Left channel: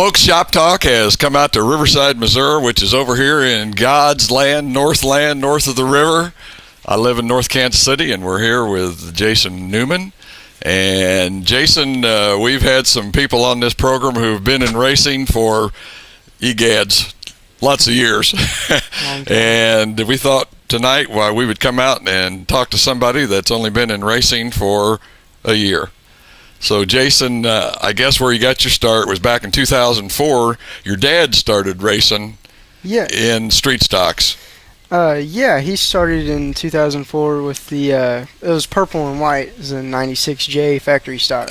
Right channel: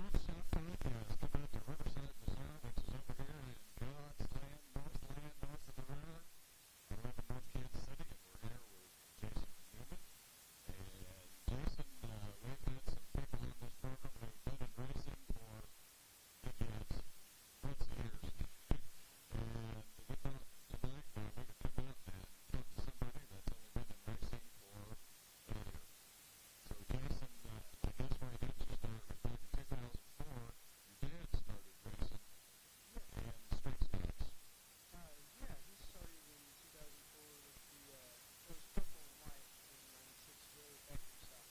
folks, Shop Talk has come out to Riverside, Missouri, which is over here in God's land, north of the river. I live in North Kansas City, and we're here with Jason Newman. And Jason, we've had some people on this program who've been in racing for, egads, lots of years. And we thought tonight we would come out and talk to somebody that's only been in racing for a year. So, Jason, I guess where you got your start was back in 2004. Your dad started racing in street stocks. Yeah, he started in 2004 with the, it was purple and white. It was a 96J factory stock.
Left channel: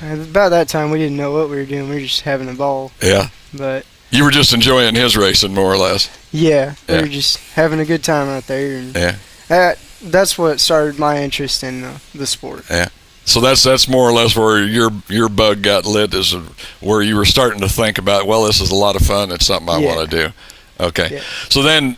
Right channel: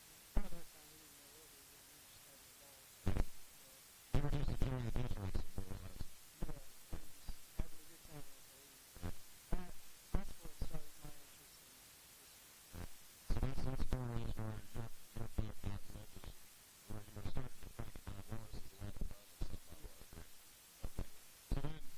About that time, we didn't know what we were doing. We were just having a ball. Yeah. But you were just enjoying his racing, more or less. Yeah, we were just having a good time out there. And that's what started my interest in the sport. Yeah. So that's more or less where your bug got lit, is where you were starting to think about, well, this is a lot of fun. It's something I want to do. Okay. Yeah. So then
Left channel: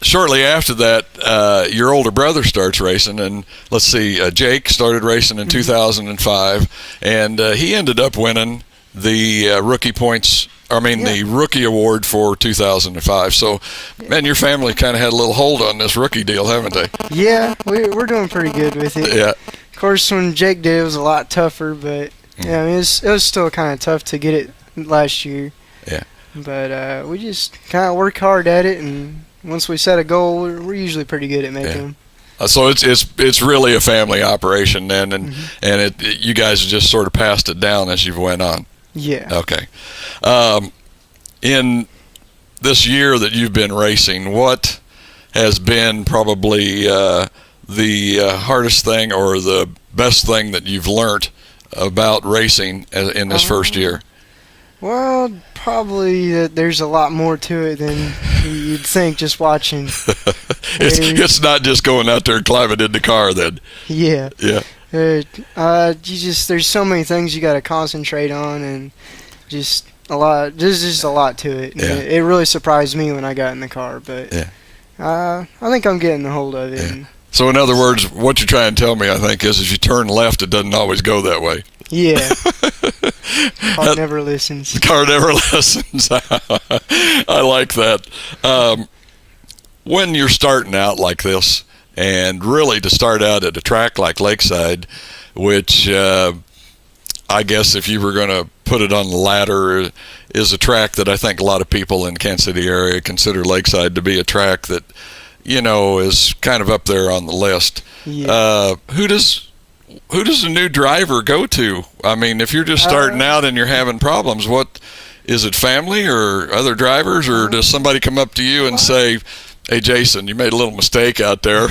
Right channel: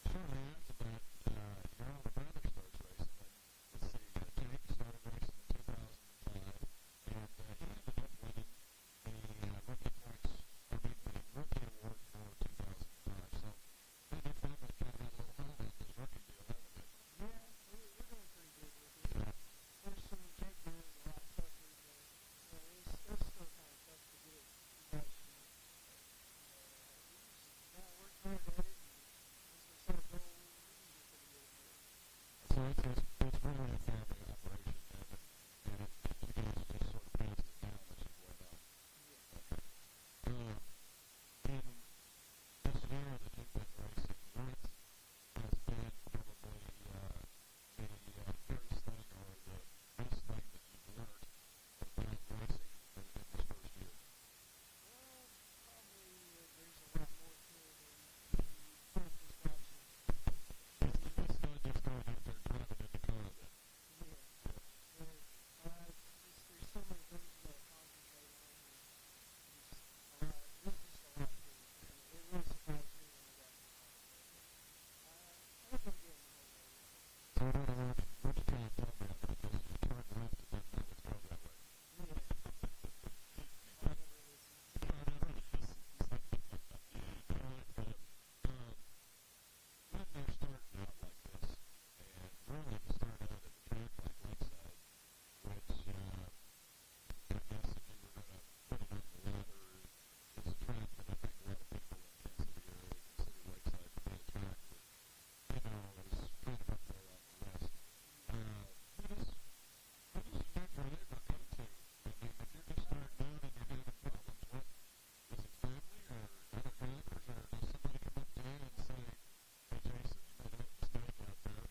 shortly after that, your older brother starts racing, and let's see, Jake started racing in 2005, and he ended up winning the rookie points. The rookie award for 2005. So, man, your family kind of had a little hold on this rookie deal, haven't they? Yeah, we're doing pretty good with it. Yeah. Of course, when Jake did, it was a lot tougher, but yeah, I mean, it was still kind of tough to get it last year. Yeah. But we just kind of work hard at it, and once we set a goal, we're usually pretty good at making them. So it's really a family operation then, and you guys just sort of passed it down as you went on. Yeah. Okay. In this year that you've been racing, what has been probably the hardest thing or the best thing that you've learned about racing in this first year? Well, probably that there's a lot more to it than you'd think just watching. It's not just going out there and climbing in the car then. Yeah. Yeah. There's so many things you got to concentrate on, and just a lot. There's just a lot to it. Yeah. It really surprised me when I got in the car, but I think I'm getting the hold of it. Yeah. So in other words, what you're trying to tell me, I think, is if you turn left, it doesn't always go that way. Yeah. Car never listens. The car never listens. I like that. When you're starting out like this, and really to start out at a track like Lakeside, which I guess if you were going to put it on the ladder, is a track that I think a lot of people in the Kansas City area consider Lakeside to be a track that, is kind of up there on the list. Yeah. Who does a new driver go to? I mean, if you're just starting out and you're having problems, what is it, family or other drivers, or does somebody come up to you and say, "Hey, Jason, you made a little mistake out there"?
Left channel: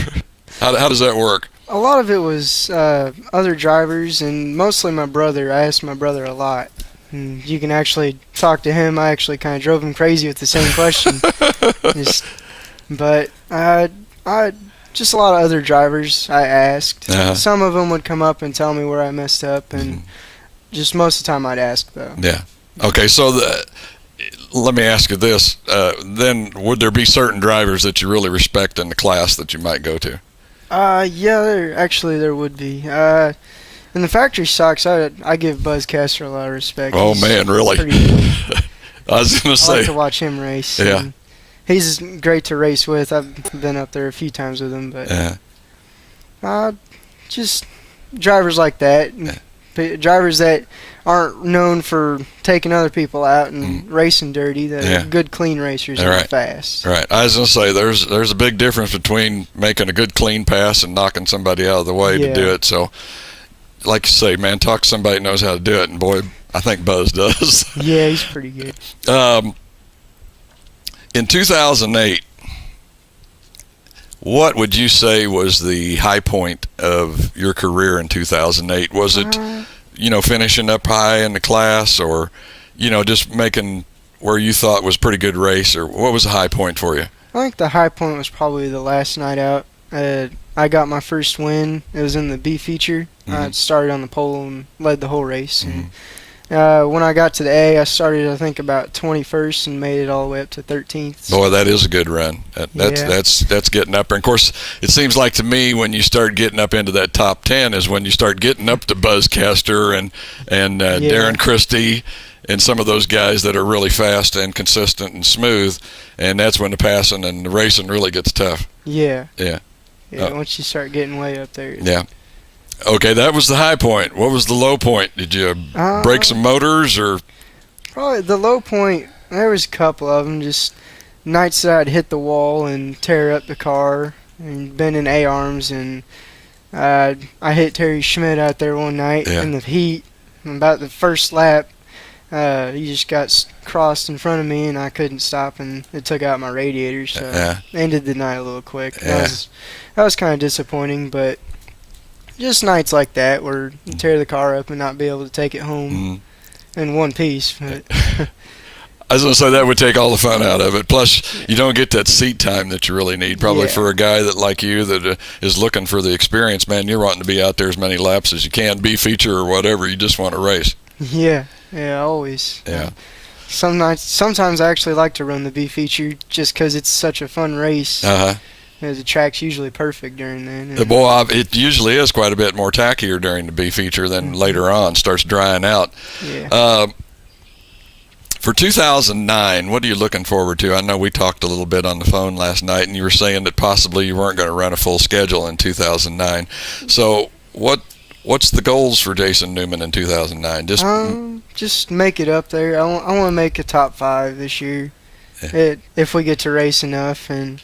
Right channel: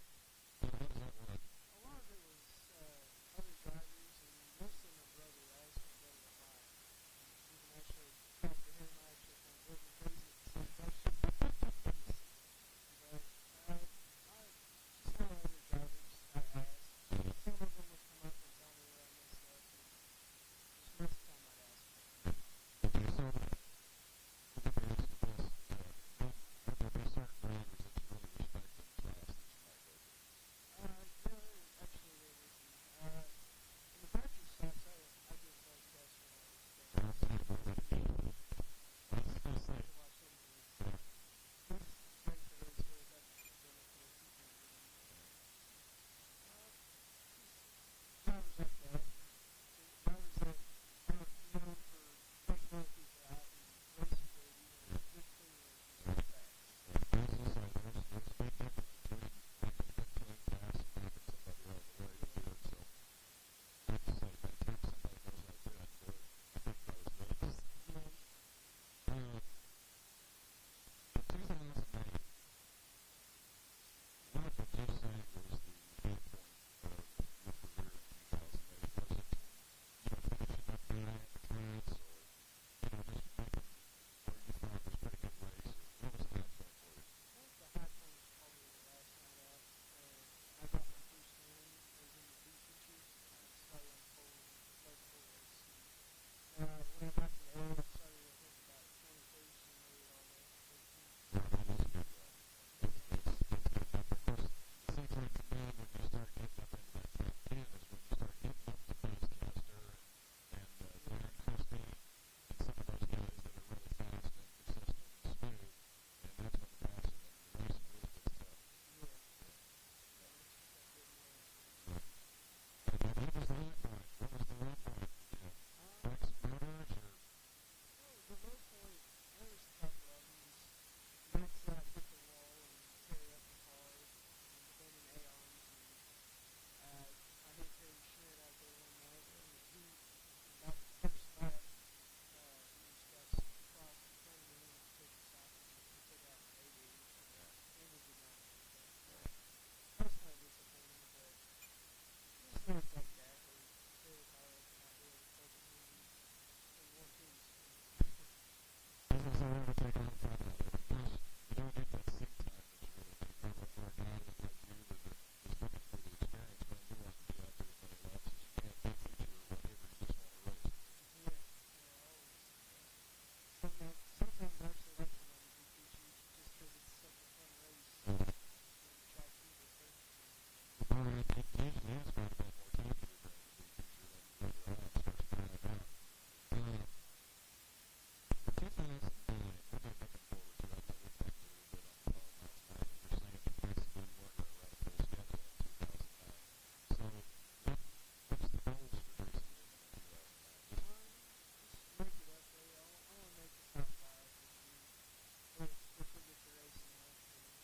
How does that work? A lot of it was other drivers, and mostly my brother. I asked my brother a lot. And you can actually talk to him. I actually kind of drove him crazy with the same question. But just a lot of other drivers I asked. Some of them would come up and tell me where I messed up, and just most of the time I'd ask, though. Yeah. Okay, so let me ask you this. Then would there be certain drivers that you really respect in the class that you might go to? Yeah, there would be. In the factory stocks, I give Buzz Caster a lot of respect. Oh, man, really? I was going to say. I like to watch him race. Yeah. He's great to race with. I've been up there a few times with him, but just drivers like that, drivers that aren't known for taking other people out and racing dirty. That are good, clean racers and fast. Right. I was going to say there's a big difference between making a good clean pass and knocking somebody out of the way to do it. So, like you say, man, talk to somebody who knows how to do it, and boy, I think Buzz does. Yeah, he's pretty good. In 2008, what would you say was the high point of your career in 2008? Was it, finishing up high in the class, or, just making where you thought was a pretty good race, or what was the high point for you? I think the high point was probably the last night out. I got my first win. It was in the B feature. I started on the pole and led the whole race. When I got to the A, I started, I think, about 21st and made it all the way up to 13th. Boy, that is a good run. That's getting up there. And of course, it seems like to me when you start getting up into that top 10 is when you start getting up to Buzz Caster and Darren Christie and some of those guys that are really fast and consistent and smooth. And that's when the passing and the racing really gets tough. Yeah. Yeah. Yeah, once you start getting way up there. Yeah. Okay, that was the high point. What was the low point? Did you break some motors or? Probably the low point, there was a couple of them. Just nights that I'd hit the wall and tear up the car and been in A-arms. And I hit Terry Schmidt out there one night in the heat. About the first lap, he just got crossed in front of me and I couldn't stop and it took out my radiator. So ended the night a little quick. Yeah. That was kind of disappointing, but just nights like that where you tear the car up and not be able to take it home in one piece. But I was going to say that would take all the fun out of it. Plus, you don't get that seat time that you really need. Probably for a guy that like you that is looking for the experience, man, you're wanting to be out there as many laps as you can, be feature or whatever. You just want to race. Yeah, always. Yeah. Sometimes I actually like to run the B feature just because it's such a fun race. The track's usually perfect during then. It usually is quite a bit more tackier during the B feature than later on. Starts drying out. Yeah. For 2009, what are you looking forward to? I know we talked a little bit on the phone last night, and you were saying that possibly you weren't going to run a full schedule in 2009. So what's the goals for Jason Newman in 2009? Just make it up there. I want to make a top 5 this year, if we get to race enough and.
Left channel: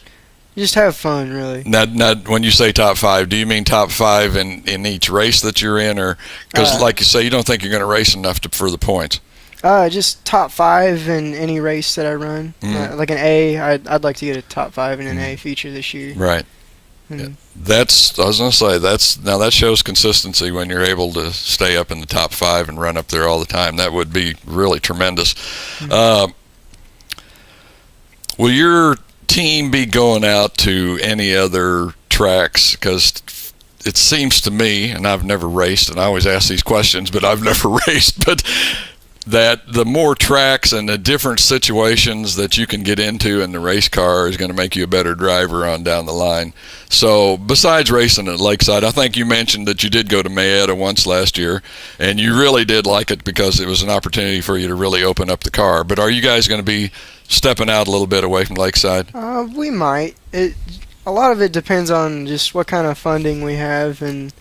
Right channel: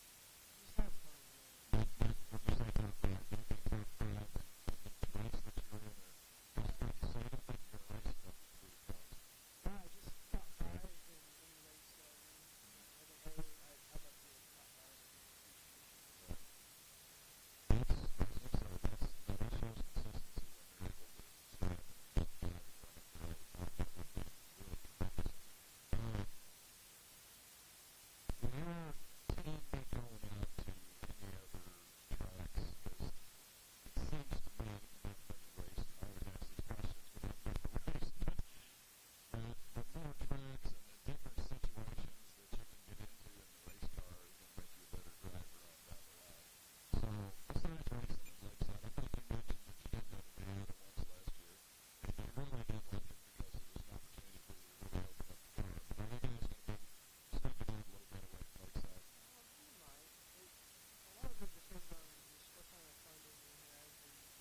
Just have fun, really. Now, when you say top 5, do you mean top 5 in each race that you're in, or because, like you say, you don't think you're going to race enough for the points? Just top 5 in any race that I run. Like an A, I'd like to get a top 5 in an A feature this year. Right. I was going to say that shows consistency when you're able to stay up in the top 5 and run up there all the time. That would be really tremendous. Will your team be going out to any other tracks? Because it seems to me, and I've never raced, and I always ask these questions, but I've never raced, but that the more tracks and the different situations that you can get into in the race car is going to make you a better driver on down the line. So besides racing at Lakeside, I think you mentioned that you did go to Mayetta once last year, and you really did like it because it was an opportunity for you to really open up the car. But are you guys going to be stepping out a little bit away from Lakeside? We might. A lot of it depends on just what kind of funding we have and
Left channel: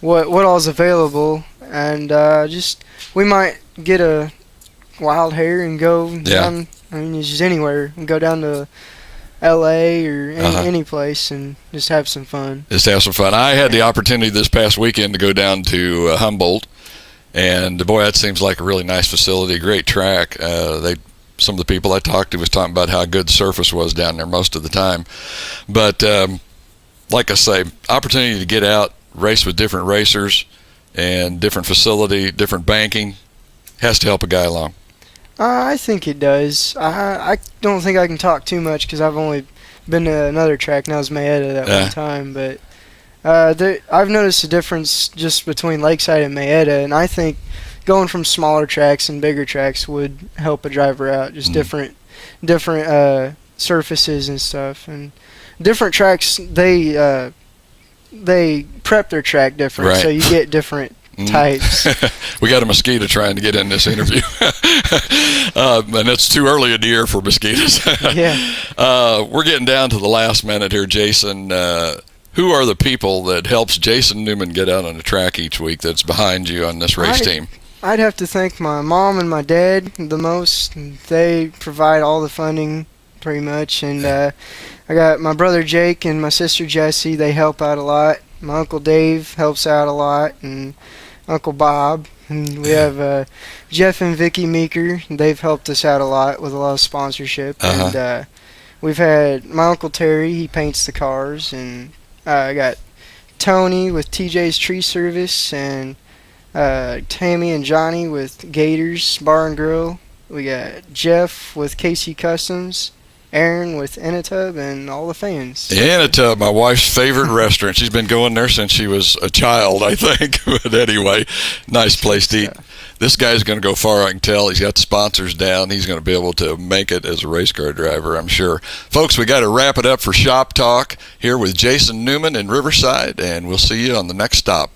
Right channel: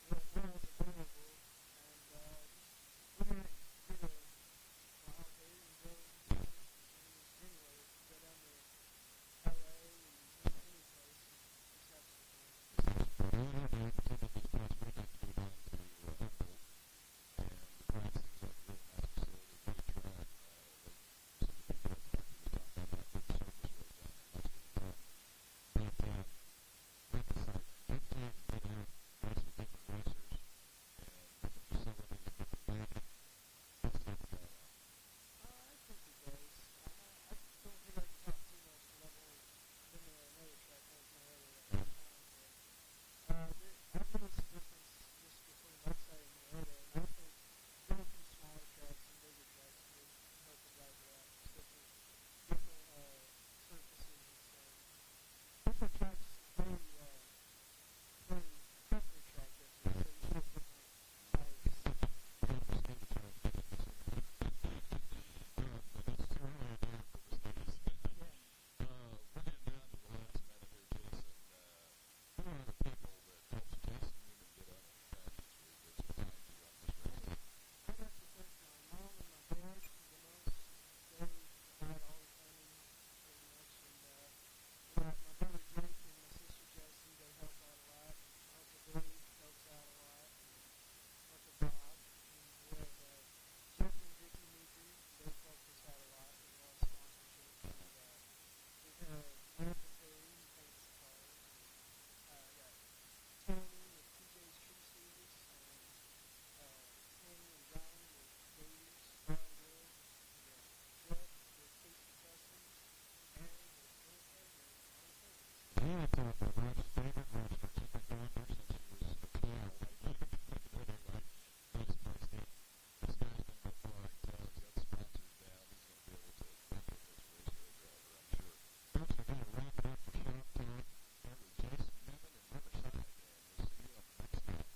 what all's available, and just we might get a wild hair and go down. I mean, just anywhere and go down to L.A. or any place and just have some fun. I had the opportunity this past weekend to go down to Humboldt, and boy, that seems like a really nice facility, great track. Some of the people I talked to was talking about how good the surface was down there most of the time. But like I say, opportunity to get out, race with different racers and different facility, different banking, has to help a guy along. I think it does. I don't think I can talk too much because I've only been to another track, and that was Mayetta that one time. But I've noticed a difference just between Lakeside and Mayetta, and I think going from smaller tracks and bigger tracks would help a driver out. Just different surfaces and stuff, and different tracks they prep their track different, so you get different types. We got a mosquito trying to get in this interview, and it's too early in the year for mosquitoes. We're getting down to the last minute here, Jason. Who are the people that helps Jason Newman get out on the track each week that's behind you on this race team? I'd have to thank my mom and my dad the most. They provide all the funding pretty much, and I got my brother Jake and my sister Jessie. They help out a lot. My Uncle Dave helps out a lot, and Uncle Bob. And we have Jeff and Vicky Meeker. They've helped us out a lot with a lot of sponsorship. And we've had my Uncle Terry. He paints the cars, and I got Tony with TJ's Tree Service, and Tammy and Johnny with Gators Bar and Grill. We got Jeff with KC Customs, Aaron with Inatub and all the fans. Inatub, my wife's favorite restaurant. She's been going there since she was a child, I think. But anyway, nice place to eat. This guy's going to go far, I can tell. He's got the sponsors down. He's going to be able to make it as a race car driver, I'm sure. Folks, we got to wrap it up for Shop Talk here with Jason Newman in Riverside, and we'll see you on the next stop.